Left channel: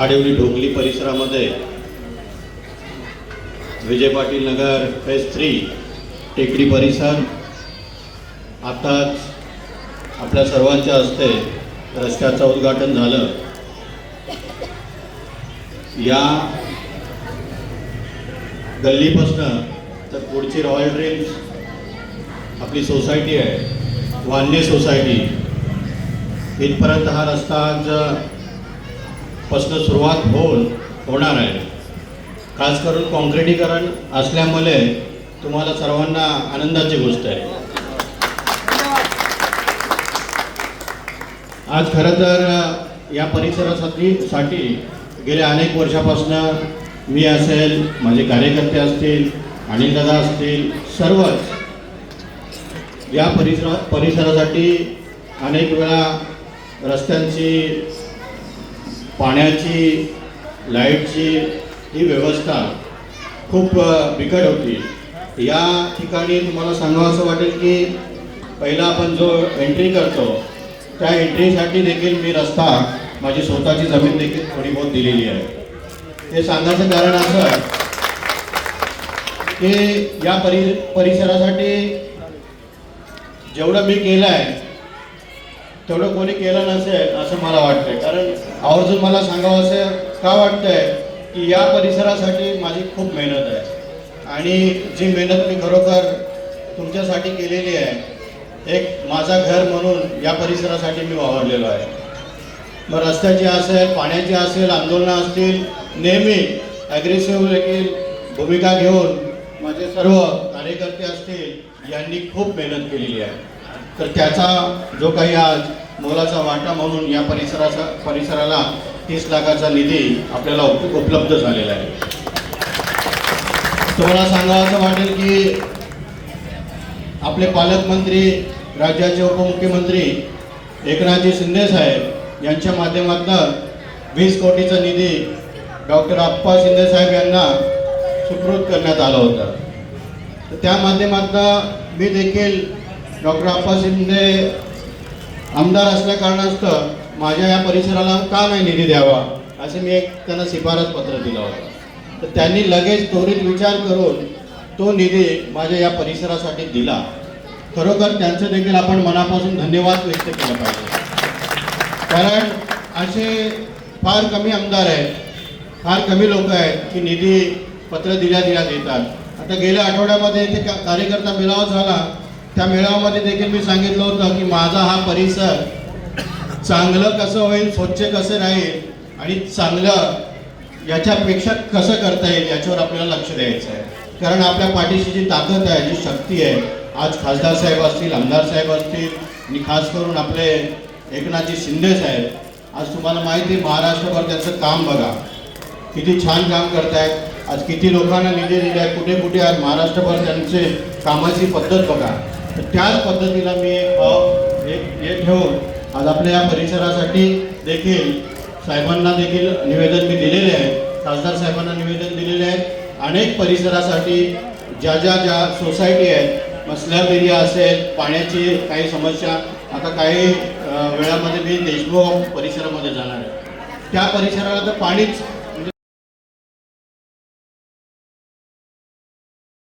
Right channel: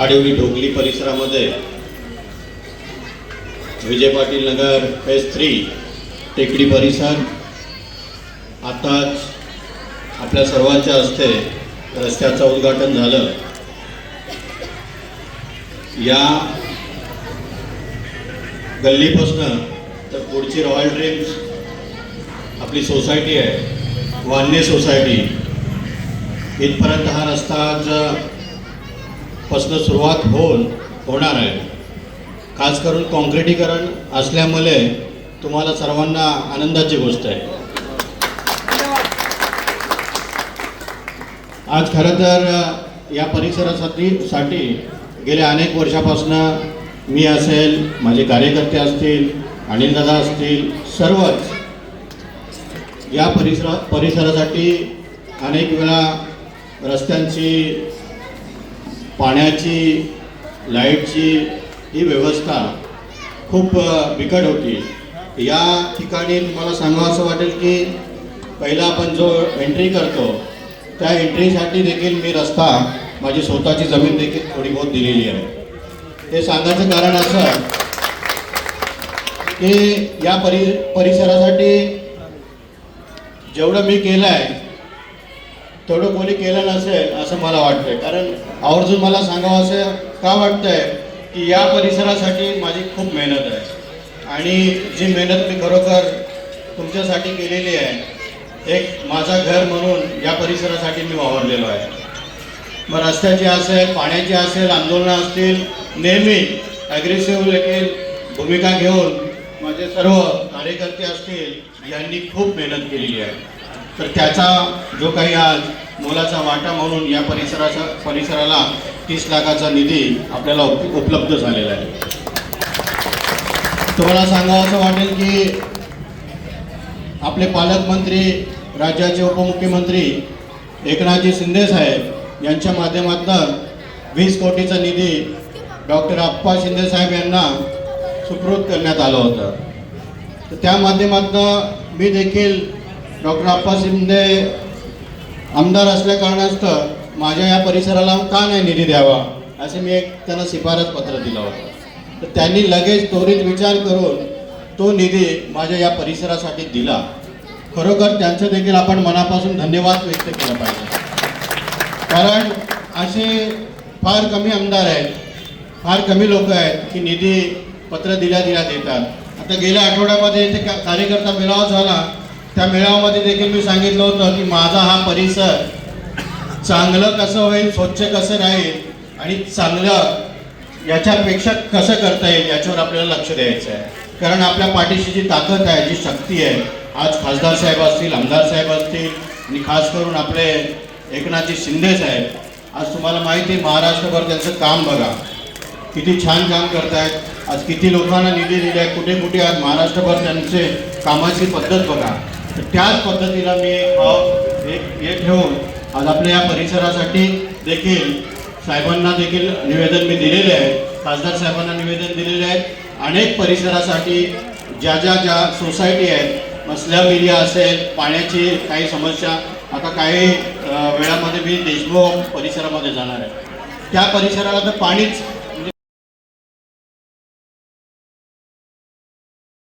आडिवली ढोकली परिसरामध्ये. Vijay Patil Nagar phase three टेकडी परिसर. आताच आपल्या सर्वांच्या हस्ते रस्त्याचं उद्घाटन झालं. या गल्लीपासनं तर पुढची रॉयल ड्रीम्स आपली सोसायटी आहे वान्य सोसायटी. इथपर्यंत हा रस्ता आज पासनं सुरुवात होऊन होणार आहे. खास करून कॉन्क्रिटीकरण असल्यामुळे तुम्हाला सर्वांना आनंदाची गोष्ट आहे. आज खरं तर या परिसरासाठी साठी गेल्या अनेक वर्षापासून मी असेल माझे कार्यकर्ते असतील अनिलदादा असतील सर्वच या परिसरा परिसरासाठी अनेक वेळा रस्त्यांची पाण्याची लाईटची ही व्यवस्था खूप बिकट होती. या ठिकाणी तुम्हाला सांगावं असं वाटेल की पहिला आपण जो एंट्री करतो त्या एंट्रीसाठी देखील मी रस्ता माझी स्वतःची जमीन देखील थोडी बहुत दिलेली आहे. हे सांगायचं कारण असं की या परि परिसरासाठी जेवढं मी केलं आहे तेवढं कोणी केलं नसेल असं मला वाटतंय. कारण आवर्जून मला सांगावं असं का वाटतंय की या परिसरासाठी माझी खूप मेहनत आहे. आणि जी मेहनत मी खरोखर तुमच्यासाठी केलेली आहे एक माझा घर म्हणून या परिसरासाठी मी वावरलेलो आहे. मग रस्त्याची असेल पाण्याची असेल आंदोलनं असतील नेहमी ॲग्रेसिव्ह देखील भूमिका घेऊन माझे सर्व कार्यकर्ते असतील यांनी खूप मेहनत केलेली आहे. तर त्याचा जो काही आज मोलाचा वाटा म्हणून या परिसराचा परिसराला तीस लाखाचा निधी आपल्याला उप- उपलब्ध झालेला आहे. तुम्हाला सांगावं असं वाटेल की आपले पालकमंत्री राज्याचे उपमुख्यमंत्री एकनाथजी शिंदे साहेब यांच्या माध्यमातून वीस कोटीचा निधी डॉक्टर अप्पा शिंदे साहेब यांना सुकृत करण्यात आलं होतं. तर त्या माध्यमातून मी देखील डॉक्टर अप्पा शिंदे आमदार असल्या कारणास्तव माझ्या या परिसराला का नाही निधी द्यावा असे मी एक त्यांना शिफारस पत्र दिलं होतं. तर त्यांनी लगेच त्वरित विचार करून तो निधी माझ्या या परिसरासाठी दिला. खरोखर त्यांचं देखील आपण मनापासून धन्यवाद व्यक्त केला पाहिजे. कारण असे फार कमी आमदार आहेत फार कमी लोक आहेत की निधी पत्र दिल्या दिल्या देतात. आता गेल्या आठवड्यामध्ये इथे का- कार्यकर्ता मेळावा झाला त्या मेळाव्यामध्ये देखील मी सांगितलं होतं की माझा हा परिसर चांगलं कसं होईल स्वच्छ कसं राहील आणि चांगलं याच्यापेक्षा कसं करता येईल याच्यावर आपल्याला लक्ष द्यायचं आहे. कारण आपल्या पाठीशी जी ताकद आहे जी शक्ती आहे आज खासदार साहेब असतील आमदार साहेब असतील आणि खास करून आपले एकनाथजी शिंदे साहेब आज तुम्हाला माहिती आहे महाराष्ट्रभर त्यांचं काम बघा. किती छान काम करतायत. आज किती लोकांना निधी दिले आहे कुठे कुठे आज महाराष्ट्रभर त्यांचे कामाची पद्धत बघा. त्याच पद्धतीला मी एक हे ठेवून आज आपल्या या परिसरासाठी देखील साहेबांना देखील निवेदन मी दिलेले आहे. खासदार साहेबांना निवेदन दिलेले आहे. अनेक परिसरासाठी ज्या ज्या ज्या सोसायटी आहेत मग एरिया असेल पाण्याची काही समस्या आता काही वेळामध्ये मी देशमुख परिसरामध्ये जाणार आहे. त्या परिसराला तर पाणीच